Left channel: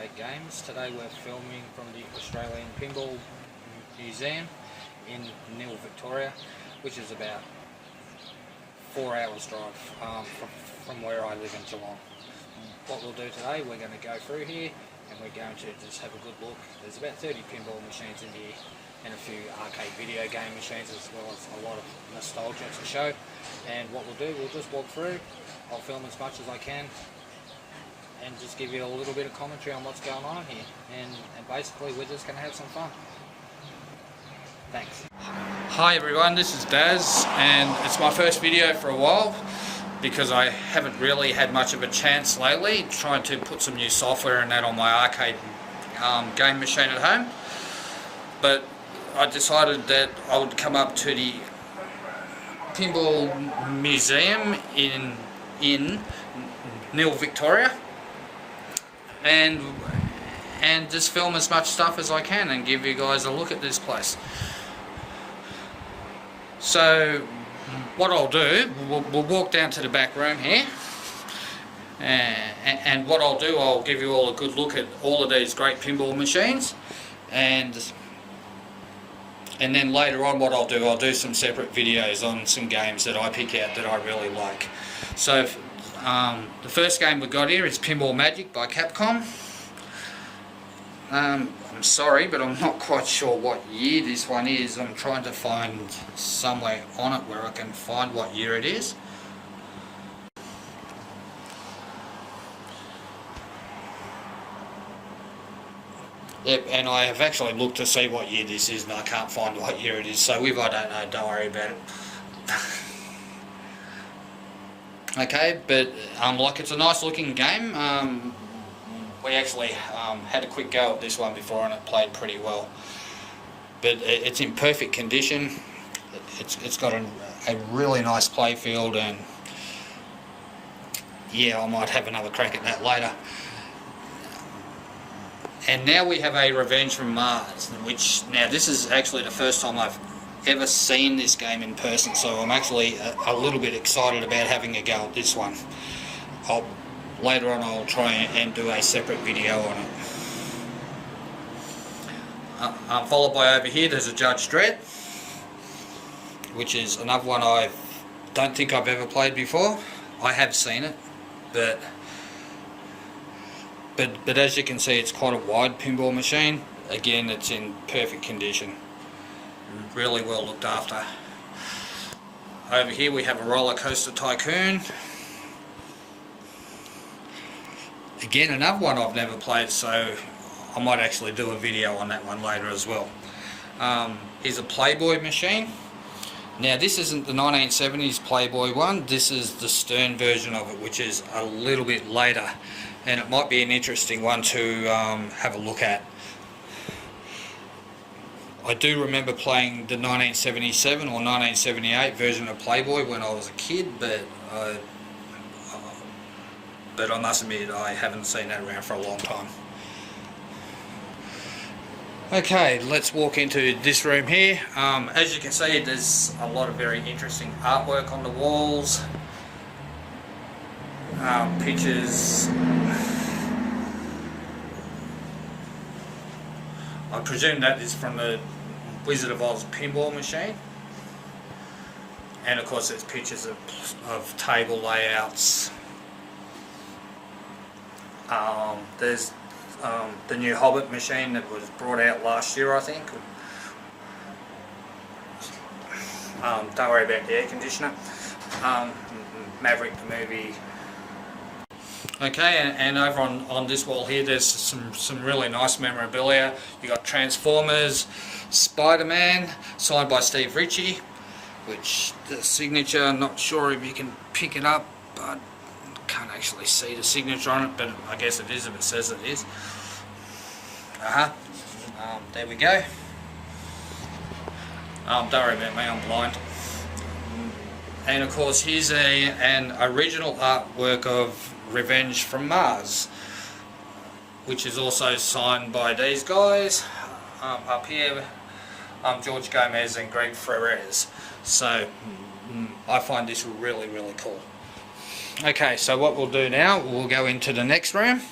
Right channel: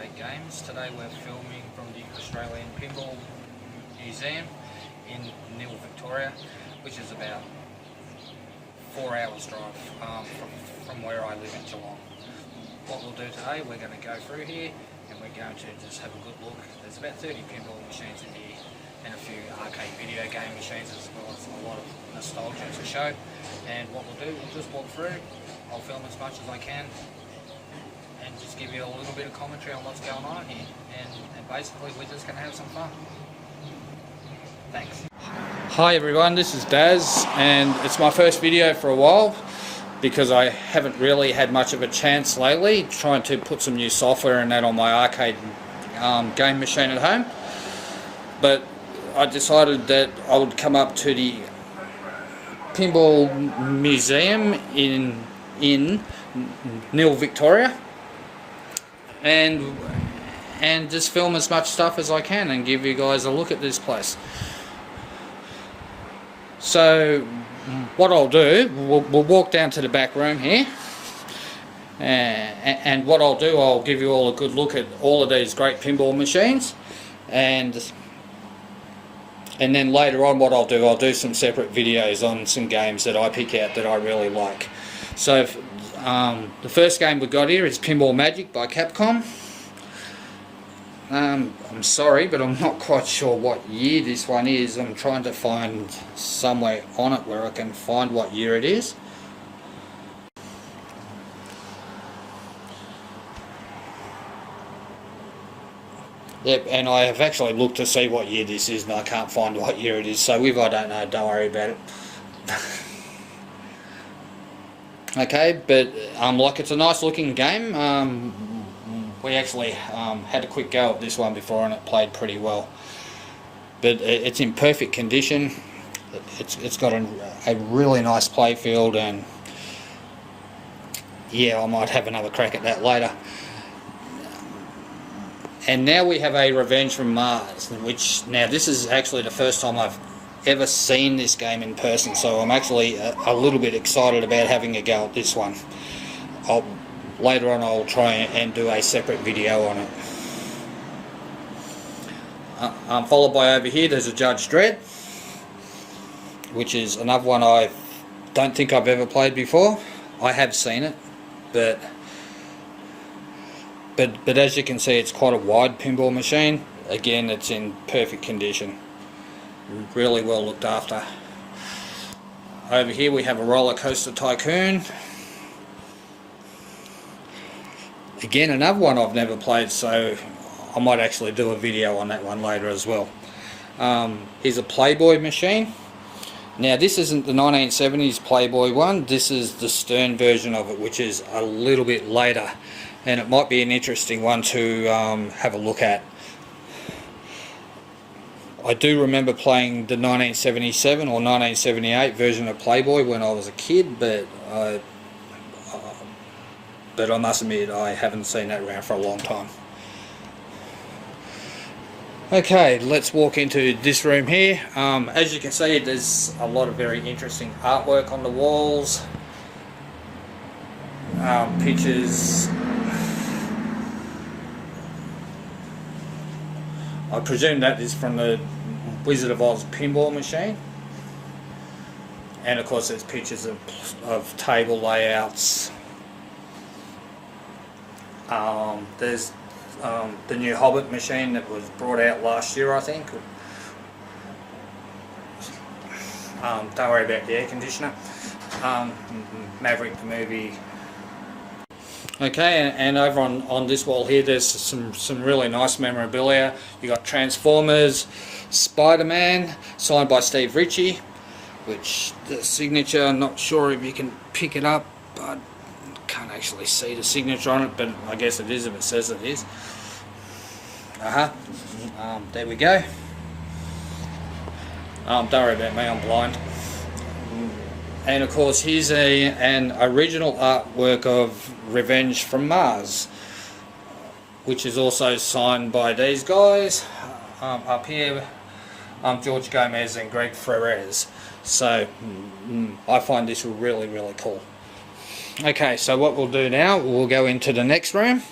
Arcade Games. Today we're filming from the Australian Pinball Museum in Nhill, Victoria, which is about 4 hours drive from where I live in Geelong. What we'll do today, we're going to go through here and we're going to just have a good look. There's about 30 pinball machines in here and a few arcade video game machines, as well as a lot of nostalgia to show. And what we'll do, we'll just walk through. I'll film as much as I can and just give you a little bit of commentary on what's going on here. And basically we're just going to have some fun. Thanks. Hi everyone, this is Daz, and it's my first video for a while because I haven't really had much of a chance lately trying to put some new software and that on my arcade game machine at home. But I decided that I would come up to the Pinball Museum in Nhill, Victoria, and just film as much stuff as I can and give you guys a look at this place. So what I'll do, we'll walk down to the back room here, and what I'll do, I'll give you all a good look at all of these great pinball machines, and then later on what I'll do some separate videos on some games that I pick out that I really like. So the first game we've got here is Pinball Magic by Capcom. I'm sorry, but I'm not quite sure what year this one is. I'm trying to find somewhere on it where I can find what year it is. Yep, and I have actually looked to see what year this is and I can't find what year it is, so if I don't know, don't worry about it. Okay, but like, it's a nice looking game. We actually had a quick go at this one before and it played pretty well. But it's in perfect condition. It's got a really nice play field, and yeah, I might have another crack at that later. And now we have a Revenge from Mars, which, now this is actually the first time I've ever seen this game in person, so I'm actually a little bit excited about having a go at this one. Later on I'll try and do a separate video on it. Followed by over here there's a Judge Dredd, which is another one I don't think I've ever played before. I have seen it, but as you can see, it's quite a wide pinball machine. Again, it's in perfect condition, really well looked after. Over here we have a Roller Coaster Tycoon. Again, another one I've never played, so I might actually do a video on that one later as well. Here's a Playboy machine. Now this isn't the 1970s Playboy one, this is the Stern version of it, which is a little bit later, and it might be an interesting one to have a look at. I do remember playing the 1977 or 1978 version of Playboy when I was a kid, but I must admit I haven't seen that around for a long time. Okay, let's walk into this room here. As you can see, there's a lot of very interesting artwork on the walls, pictures. I presume that is from the Wizard of Oz pinball machine. And of course there's pictures of table layouts. There's the new Hobbit machine that was brought out last year, I think. Don't worry about the air conditioner. Maverick the movie. Okay, and over on this wall here there's some really nice memorabilia. You got Transformers, Spider-Man, signed by Steve Ritchie, which the signature, I'm not sure if you can pick it up, but can't actually see the signature on it, but I guess it is if it says it is. There we go. Don't worry about me, I'm blind. And of course here's an original artwork of Revenge from Mars, which is also signed by these guys. Up here, George Gomez and Greg Ferrez. So I find this really, really cool. Okay, so what we'll do now, we'll go into the next room,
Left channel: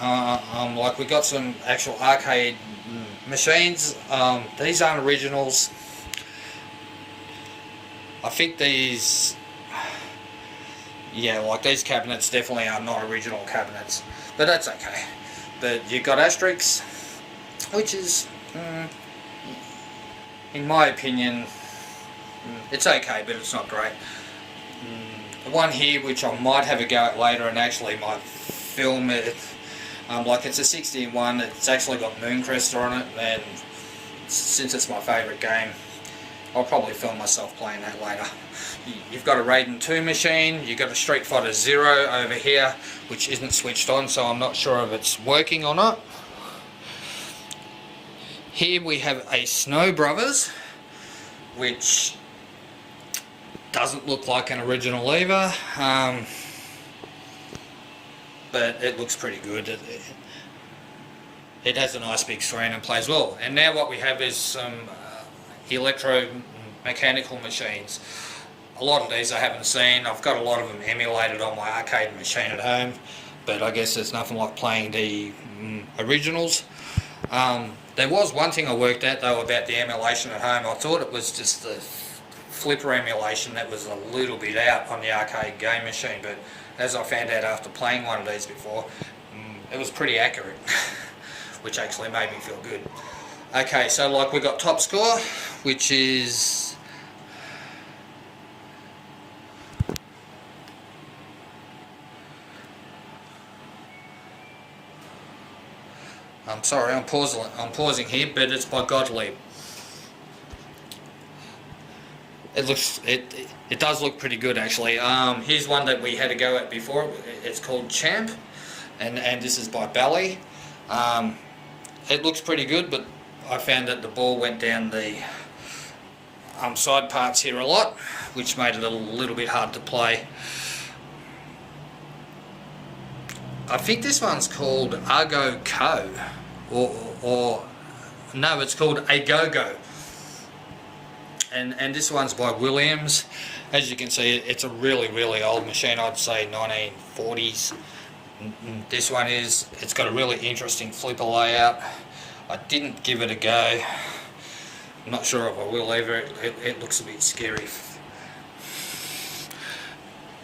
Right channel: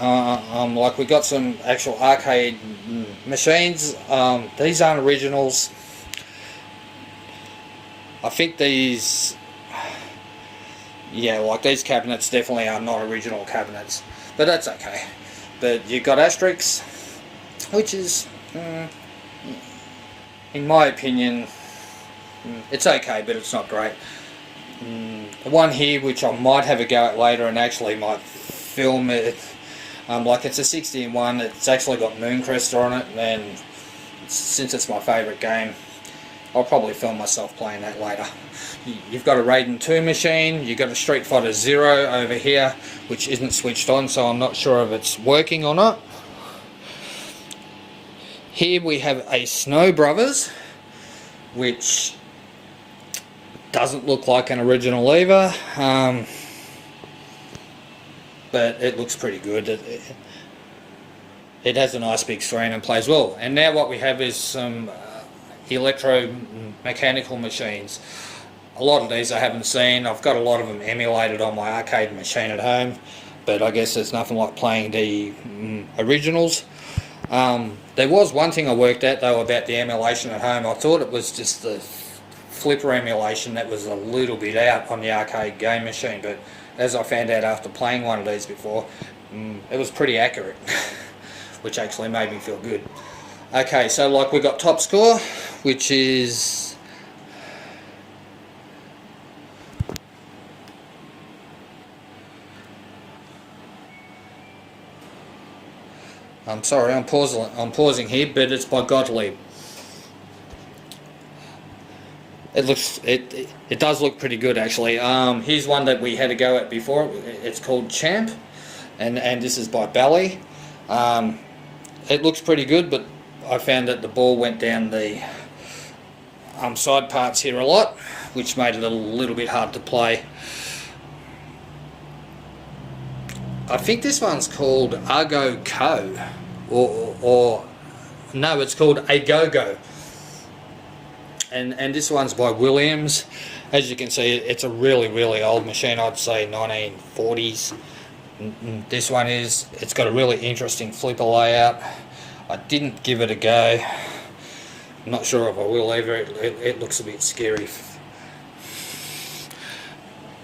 Like we got some actual arcade machines. These aren't originals. I think these, yeah, like these cabinets definitely are not original cabinets, but that's okay. But you've got Asterix, which is, in my opinion, it's okay, but it's not great. The one here, which I might have a go at later and actually might film it, like it's a 60-in-1, it's actually got Mooncrest on it, and since it's my favourite game, I'll probably film myself playing that later. You've got a Raiden 2 machine, you've got a Street Fighter 0 over here, which isn't switched on, so I'm not sure if it's working or not. Here we have a Snow Brothers, which doesn't look like an original either, but it looks pretty good. It has a nice big screen and plays well. And now what we have is some electromechanical machines. A lot of these I haven't seen. I've got a lot of them emulated on my arcade machine at home, but I guess there's nothing like playing the originals. There was one thing I worked out though about the emulation at home. I thought it was just the flipper emulation that was a little bit out on the arcade game machine, but as I found out after playing one of these before, it was pretty accurate, which actually made me feel good. Okay, so like we got top score, which is I'm sorry, I'm pausing here, but it's by Godlet. It does look pretty good actually. Here's one that we had a go at before. It's called Champ, and this is by Bally. It looks pretty good, but I found that the ball went down the side parts here a lot, which made it a little bit hard to play. I think this one's called Argo Co, or no, it's called A Go Go. And this one's by Williams. As you can see, it's a really, really old machine. I'd say 1940s. This one it's got a really interesting flipper layout. I didn't give it a go. I'm not sure if I will either. It looks a bit scary.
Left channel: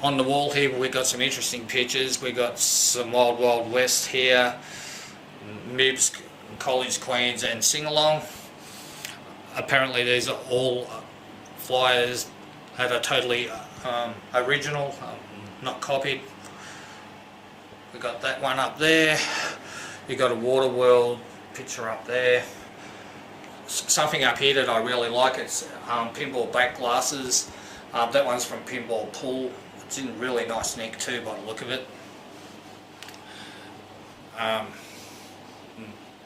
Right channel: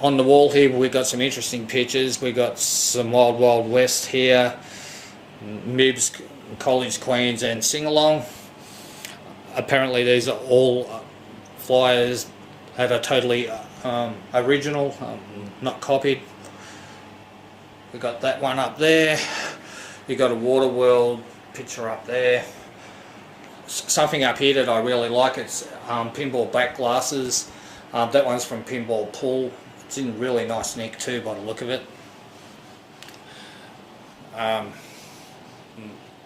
On the wall here, we've got some interesting pictures. We've got some Wild Wild West here, Mibs, College Queens, and Sing Along. Apparently these are all flyers that are totally original, not copied. We've got that one up there. You've got a Waterworld picture up there. Something up here that I really like, it's pinball back glasses. That one's from Pinball Pool. It's in really nice nick too by the look of it.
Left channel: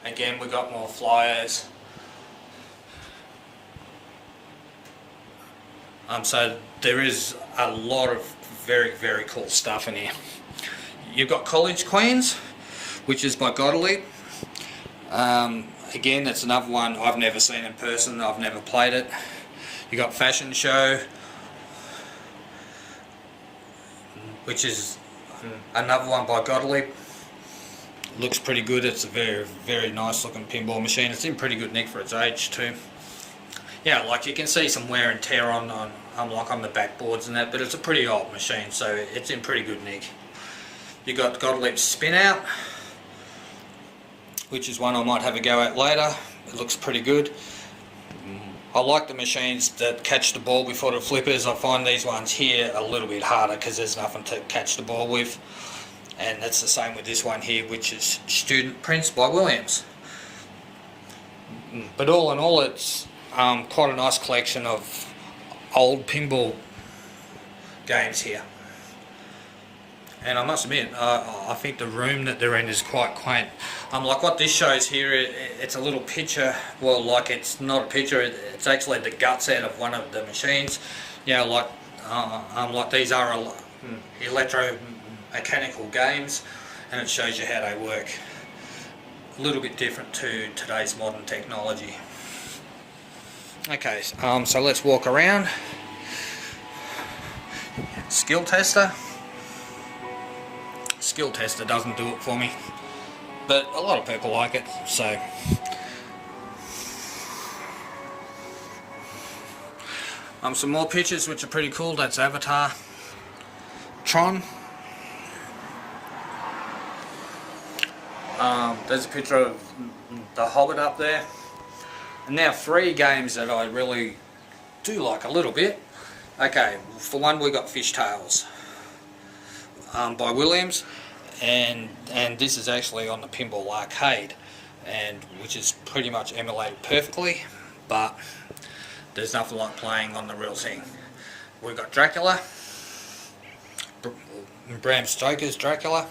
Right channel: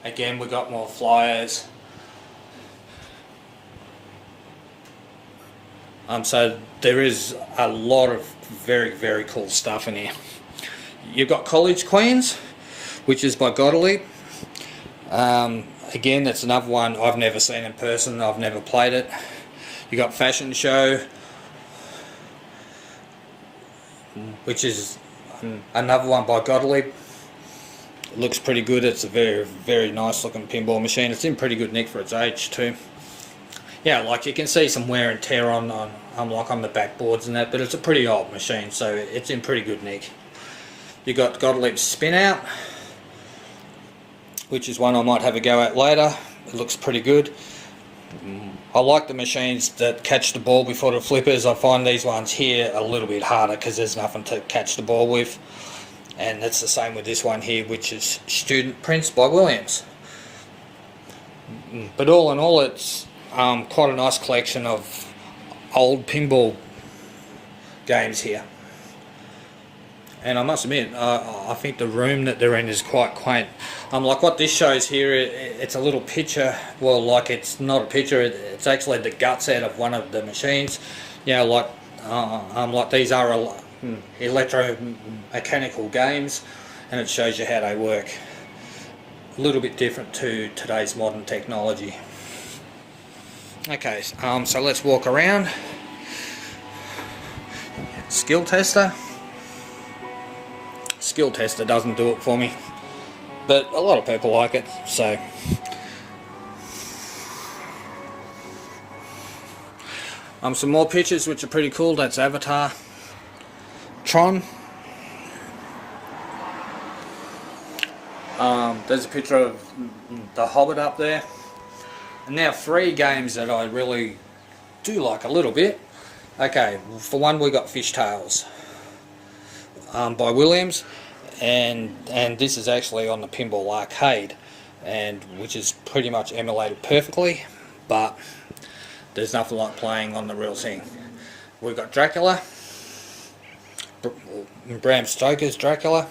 Again, we got more flyers. So there is a lot of very, very cool stuff in here. You've got College Queens, which is by Godlet. Again, that's another one I've never seen in person. I've never played it. You got Fashion Show, which is another one by Godlet. It looks pretty good. It's a very, very nice looking pinball machine. It's in pretty good nick for its age too. Yeah, like you can see some wear and tear on the backboards and that, but it's a pretty old machine, so it's in pretty good nick. You got Godlet's Spin Out, which is one I might have a go at later. It looks pretty good. I like the machines that catch the ball before the flippers. I find these ones here a little bit harder because there's nothing to catch the ball with. And that's the same with this one here, which is Student Prince by Williams. But all in all, it's quite a nice collection of old pinball games here. And I must admit, I think the room that they're in is quite quaint. Like what this shows here, it's a little picture. Well, like it's not a picture, it's actually the guts out of one of the machines. You know, like these are electromechanical games, and it shows you how they work. A little bit different to today's modern technology. Okay, so let's walk around. Skill tester. Skill tester doesn't do it for me. but a lot of people like it, so. Some more pictures which are pretty cool. That's Avatar, Tron. There's a picture of the Hobbit up there. And now 3 games that I really do like a little bit. Okay, for one we got Fishtails by Williams, and this is actually on the Pinball Arcade, and which is pretty much emulated perfectly, but there's nothing like playing on the real thing. We've got Dracula, Bram Stoker's Dracula.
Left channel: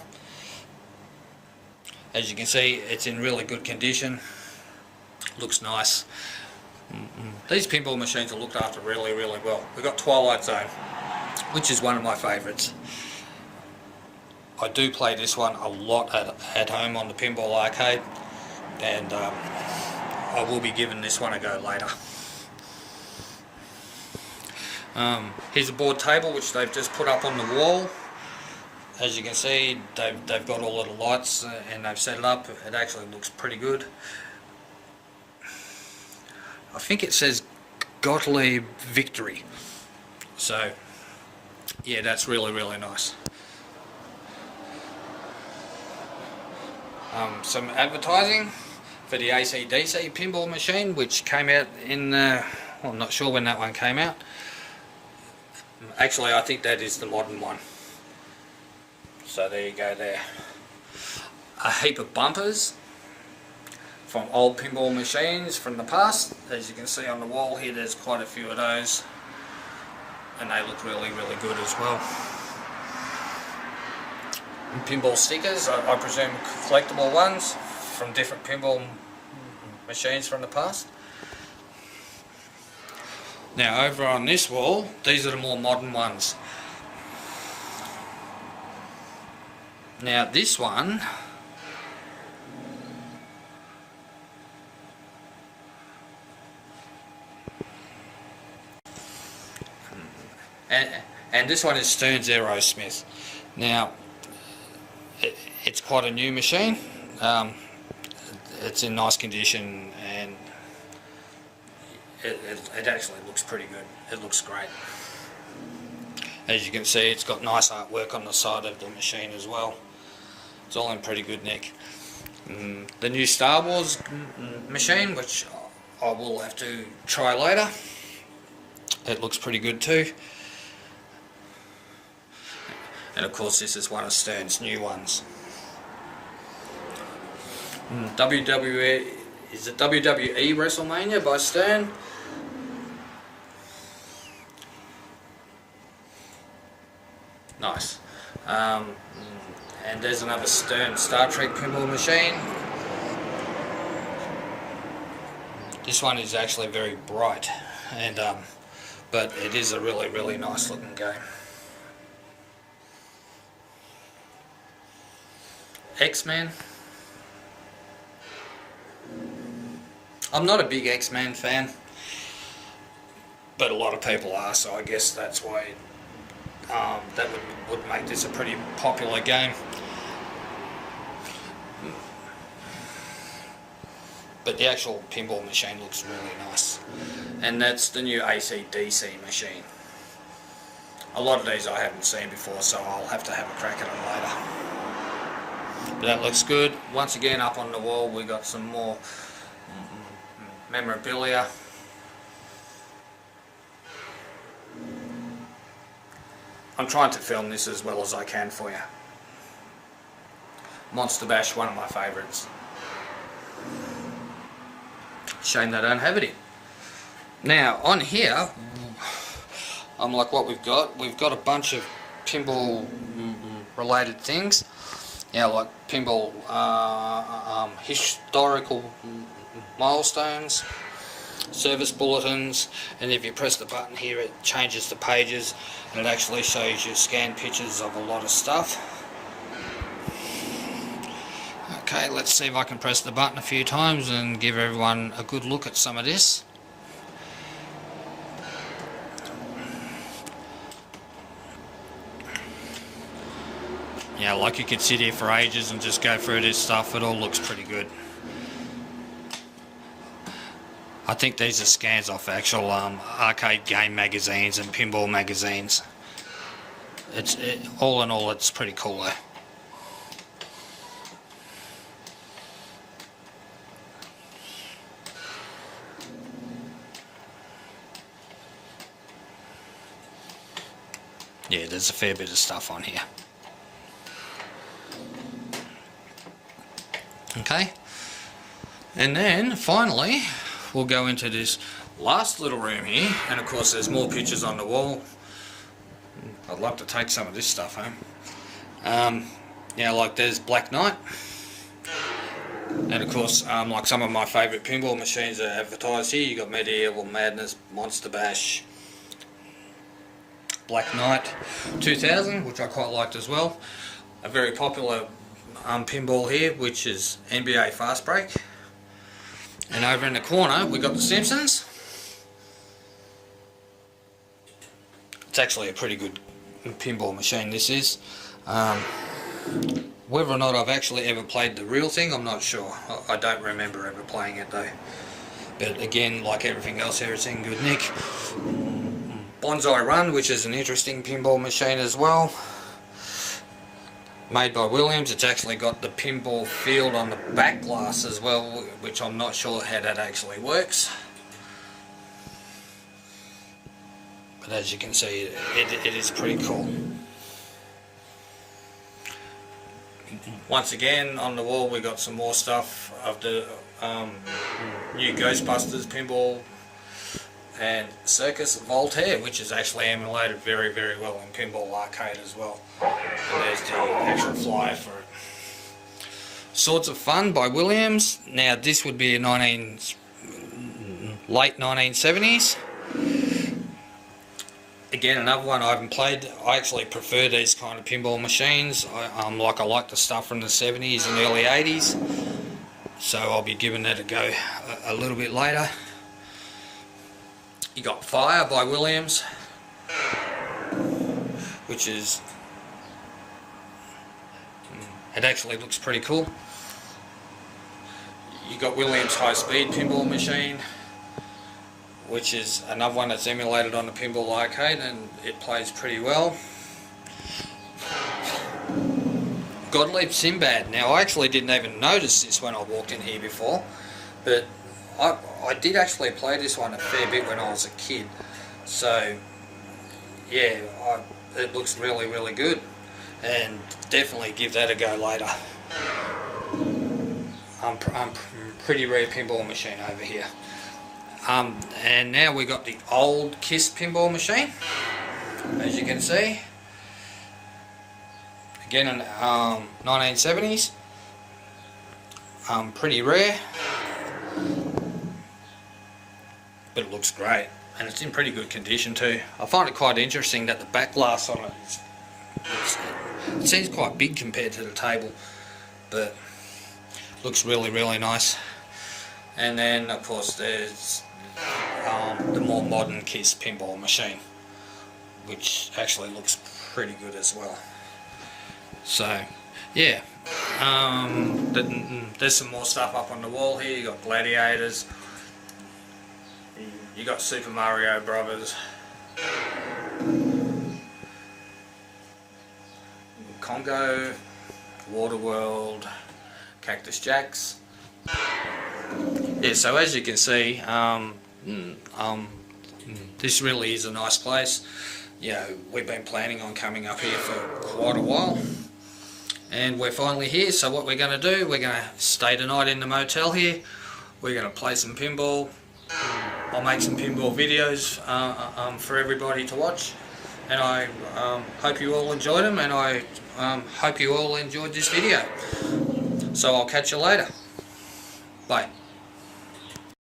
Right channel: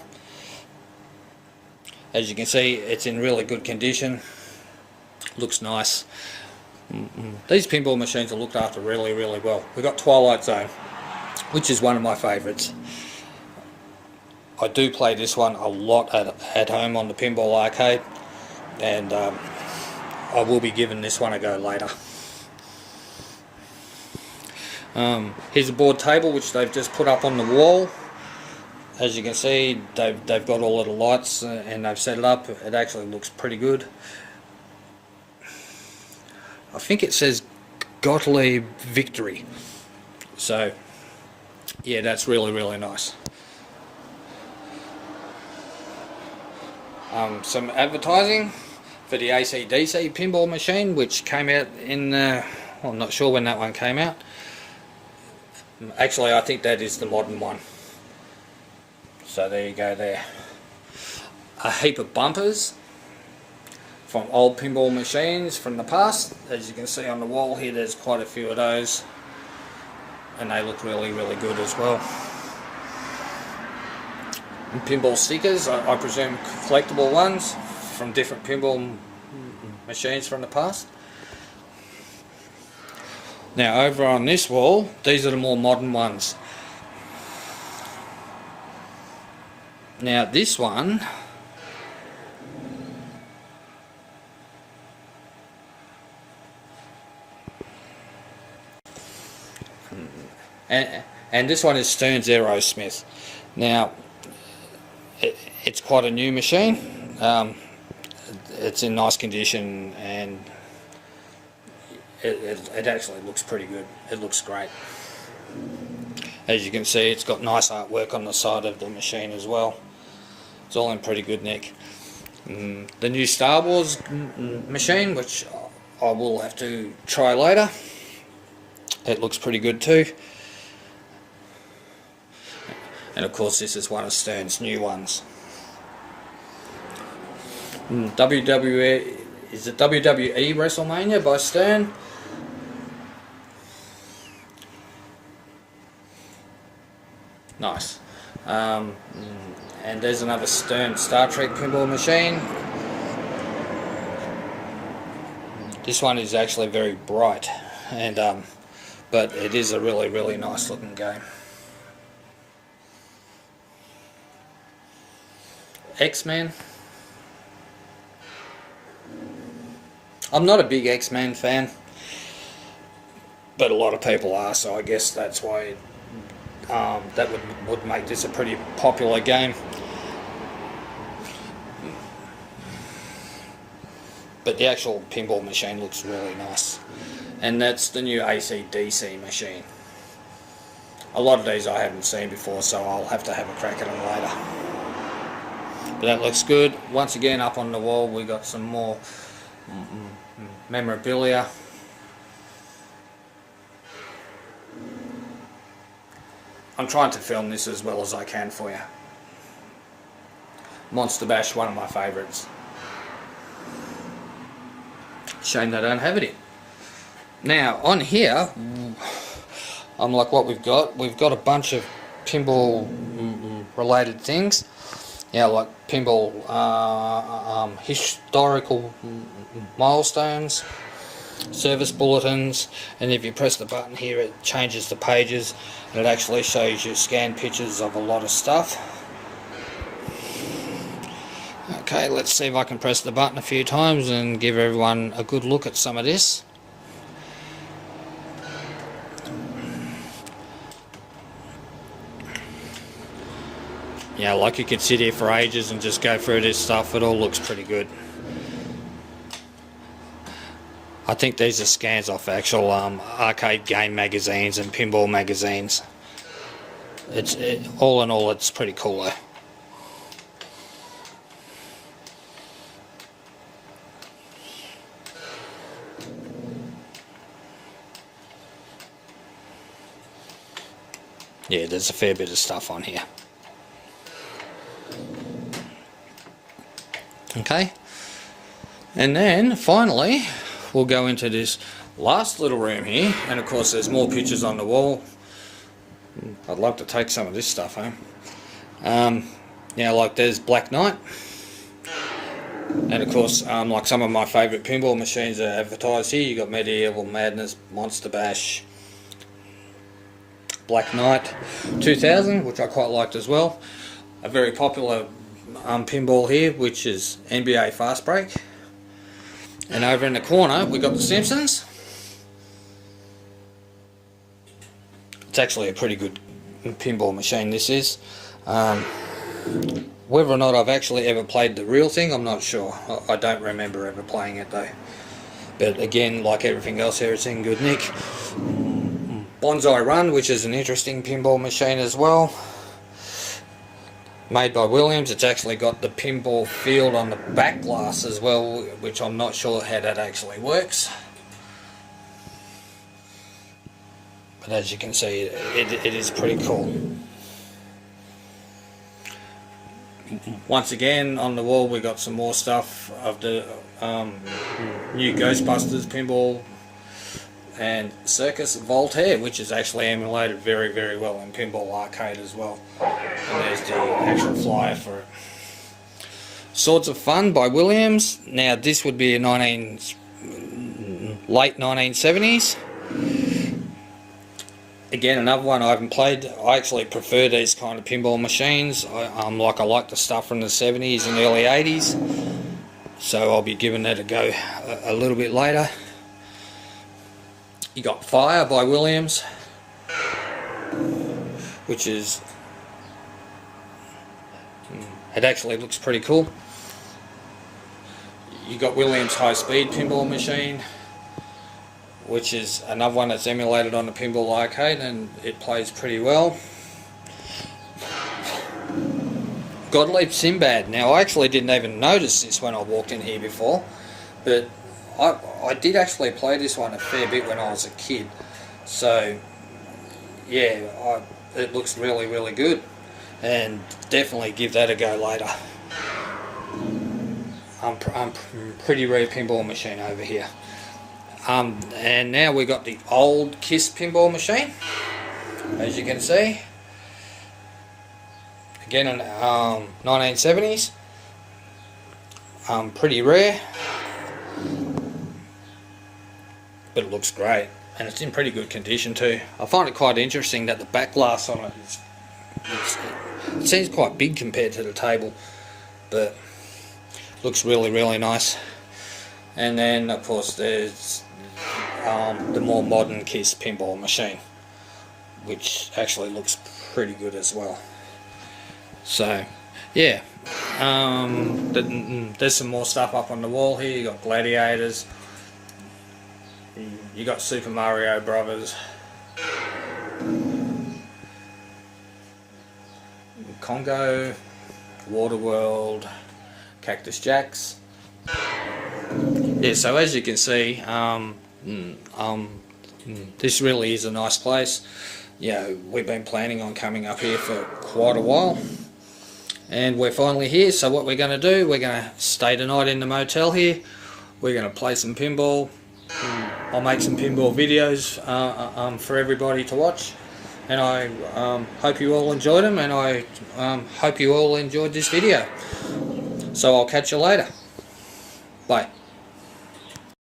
As you can see, it's in really good condition. Looks nice. These pinball machines are looked after really, really well. We've got Twilight Zone, which is one of my favourites. I do play this one a lot at home on the Pinball Arcade, and I will be giving this one a go later. Here's a board table which they've just put up on the wall. As you can see, they've got all of the lights and they've set it up. It actually looks pretty good. I think it says Godlet Victory. So, yeah, that's really, really nice. Some advertising for the AC/DC pinball machine, which came out in, well, I'm not sure when that one came out. Actually, I think that is the modern one. So there you go there. A heap of bumpers from old pinball machines from the past. As you can see on the wall here, there's quite a few of those, and they look really, really good as well. And pinball stickers, I presume collectible ones from different pinball machines from the past. Now over on this wall, these are the more modern ones. Now this one, and this one is Stern's Aerosmith. Now it's quite a new machine. It's in nice condition, and it actually looks pretty good. It looks great. As you can see, it's got nice artwork on the side of the machine as well. It's all in pretty good nick. The new Star Wars machine, which I will have to try later, it looks pretty good too. And of course this is one of Stern's new ones. WWE, is it WWE WrestleMania by Stern? Nice. And there's another Stern Star Trek pinball machine. This one is actually very bright, and but it is a really, really nice looking game. X-Men. I'm not a big X-Men fan, but a lot of people are, so I guess that's why that would make this a pretty popular game. But the actual pinball machine looks really nice. And that's the new AC/DC machine. A lot of these I haven't seen before, so I'll have to have a crack at them later. But that looks good. Once again, up on the wall we got some more memorabilia. I'm trying to film this as well as I can for you. Monster Bash, one of my favourites. Shame they don't have it in. Now, on here, I'm like, what we've got? We've got a bunch of pinball related things. Yeah, like pinball historical milestones, service bulletins, and if you press the button here it changes the pages and it actually shows you scanned pictures of a lot of stuff. Okay, let's see if I can press the button a few times and give everyone a good look at some of this. Yeah, like you could sit here for ages and just go through this stuff. It all looks pretty good. I think these are scans off actual arcade game magazines and pinball magazines. All in all, it's pretty cool though. Yeah, there's a fair bit of stuff on here. Okay, and then finally we'll go into this last little room here, and of course there's more pictures on the wall. I'd love to take some of this stuff home. Yeah, like there's Black Knight, and of course like some of my favourite pinball machines are advertised here. You got Medieval Madness, Monster Bash, Black Knight 2000, which I quite liked as well. A very popular pinball here, which is NBA Fast Break. And over in the corner we got the Simpsons. It's actually a pretty good pinball machine, this is. Whether or not I've actually ever played the real thing, I'm not sure. I don't remember ever playing it though. But again, like everything else here, it's in good nick. Bonsai Run, which is an interesting pinball machine as well. Made by Williams. It's actually got the pinball field on the back glass as well, which I'm not sure how that actually works. But as you can see, it is pretty cool. Once again, on the wall we got some more stuff of the new Ghostbusters Pinball and Circus Voltaire, which is actually emulated very, very well in Pinball Arcade as well. And there's the actual flyer for it. Swords of Fun by Williams. Now this would be a late 1970s. Again, another one I haven't played. I actually prefer these kind of pinball machines. I like the stuff from the 70s and early 80s. So I'll be giving that a go a little bit later. You got Fire by Williams, which is, it actually looks pretty cool. You got Williams High Speed Pinball Machine, which is another one that's emulated on the Pinball Arcade, and it plays pretty well. Godlet Sinbad. Now I actually didn't even notice this when I walked in here before, but I did actually play this one a fair bit when I was a kid. So yeah, it looks really, really good, and definitely give that a go later. Pretty rare pinball machine over here. And now we got the old KISS pinball machine, as you can see. Again in 1970s. Pretty rare, but it looks great, and it's in pretty good condition too. I find it quite interesting that the back glass on it seems quite big compared to the table, but looks really, really nice. And then of course there's the more modern KISS pinball machine, which actually looks pretty good as well. So yeah, there's some more stuff up on the wall here. You got Gladiators, you got Super Mario Brothers, Congo, Waterworld, Cactus Jacks. Yeah, so as you can see, this really is a nice place. Yeah, we've been planning on coming up here for quite a while, and we're finally here. So what we're going to do, we're going to stay tonight in the motel here. We're going to play some pinball. I'll make some pinball videos for everybody to watch, and I hope you all enjoyed them, and I hope you all enjoyed this video. So I'll catch you later. Bye.